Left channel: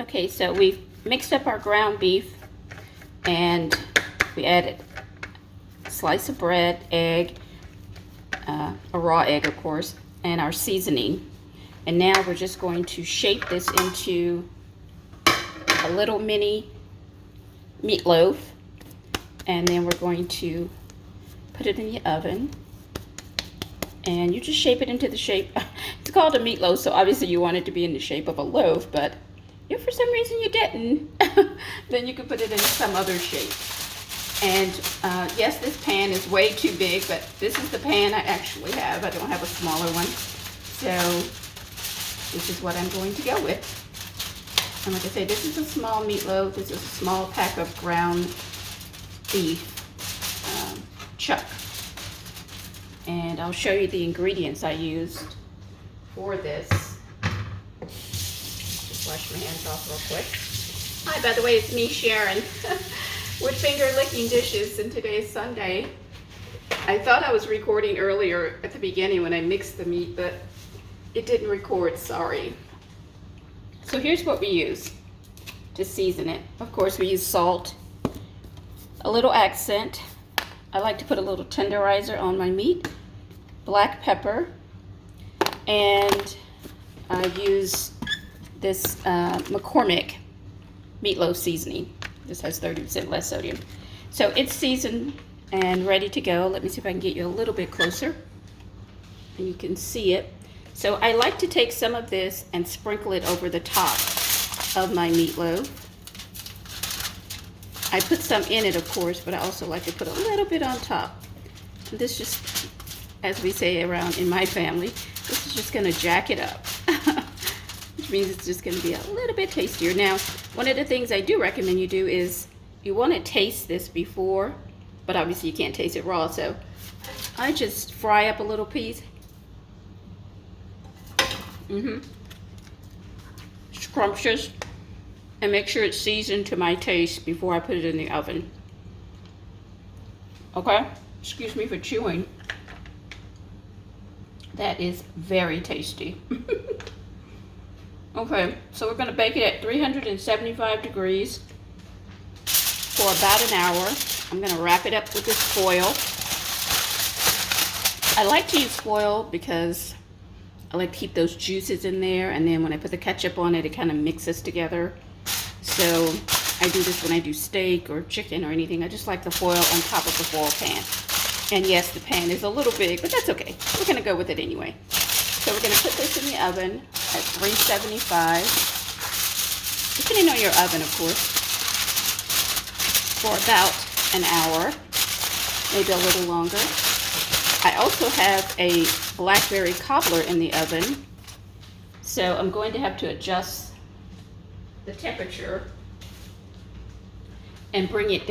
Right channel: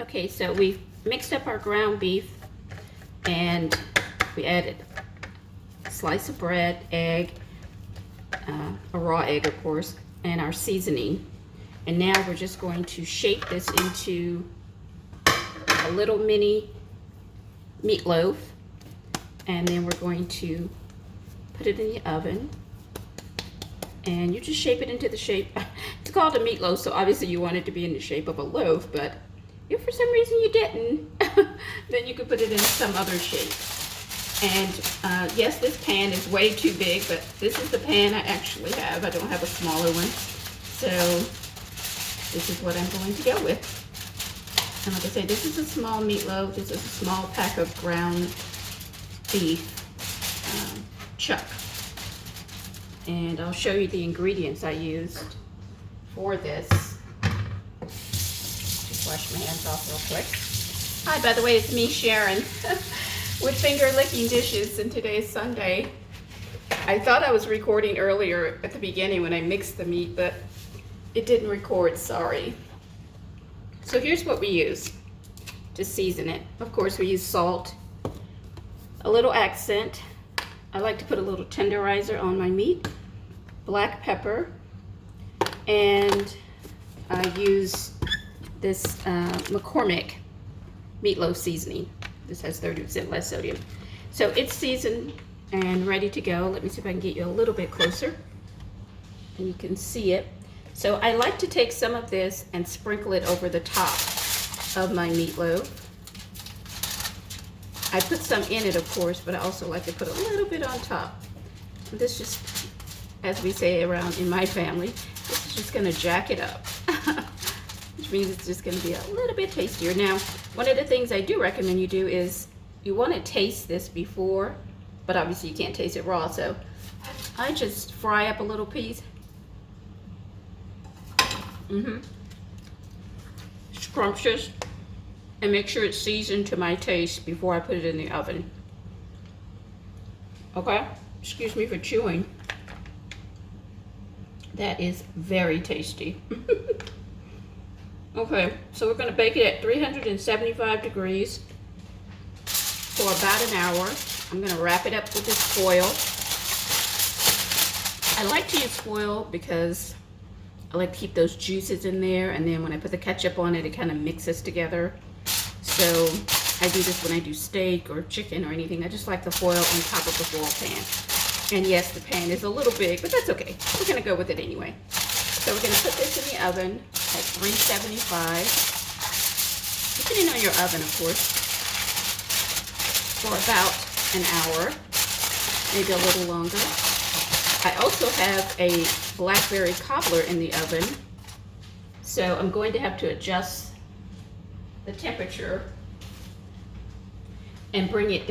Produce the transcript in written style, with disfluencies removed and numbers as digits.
Okay, so we've mixed up our ground beef and we added a slice of bread, egg, a raw egg of course, and our seasoning. And now we're just going to shape this into a little mini meatloaf, and then we're going to put it in the oven. And you just shape it into the shape. It's called a meatloaf, so obviously you want it to be in the shape of a loaf, but if for some reason you didn't, then you could put it in some other shape. And yes, this pan is way too big, but this is the pan I actually have. I don't have a smaller one. So this is what I'm going to go with. And like I say, this is a small meatloaf. This is a small pack of ground beef chuck. And I'll show you the ingredients I used for this. Just wash my hands off real quick. Hi, by the way, it's me, Sharon, with finger licking dishes, and today's Sunday. I thought I was recording earlier at the beginning when I mixed the meat, but it didn't record, sorry. So here's what we use to season it. Of course, we use salt, a little accent. I like to put a little tenderizer on my meat, black pepper, and I use this McCormick meatloaf seasoning. This has 30% less sodium. So it's seasoned and ready to go. Let me see if I can get you a little bit closer and you can see it. So I like to take some of this and sprinkle it over the top of my meatloaf. I put some in it, of course, but I also like to put a little bit on top. This just, as we say around in my family, this is just gonna jack it up. Which means it's just gonna be a little bit tastier. Now, one of the things I do recommend you do is you wanna taste this before, but obviously you can't taste it raw, so I just fry up a little piece. Scrumptious. And make sure it's seasoned to my taste before I put it in the oven. Okay? Excuse me for chewing. That is very tasty. Okay, so we're gonna bake it at 375 degrees for about an hour. I'm gonna wrap it up with this foil. I like to use foil because I like to keep those juices in there, and then when I put the ketchup on it, it kind of mixes together. So I do this when I do steak or chicken or anything. I just like the foil on top of the foil pan. And yes, the pan is a little big, but that's okay. We're gonna go with it anyway. So we're gonna put this in the oven at 375, depending on your oven, of course, for about an hour, maybe a little longer. I also have a blackberry cobbler in the oven, so I'm going to have to adjust the temperature and bring it down.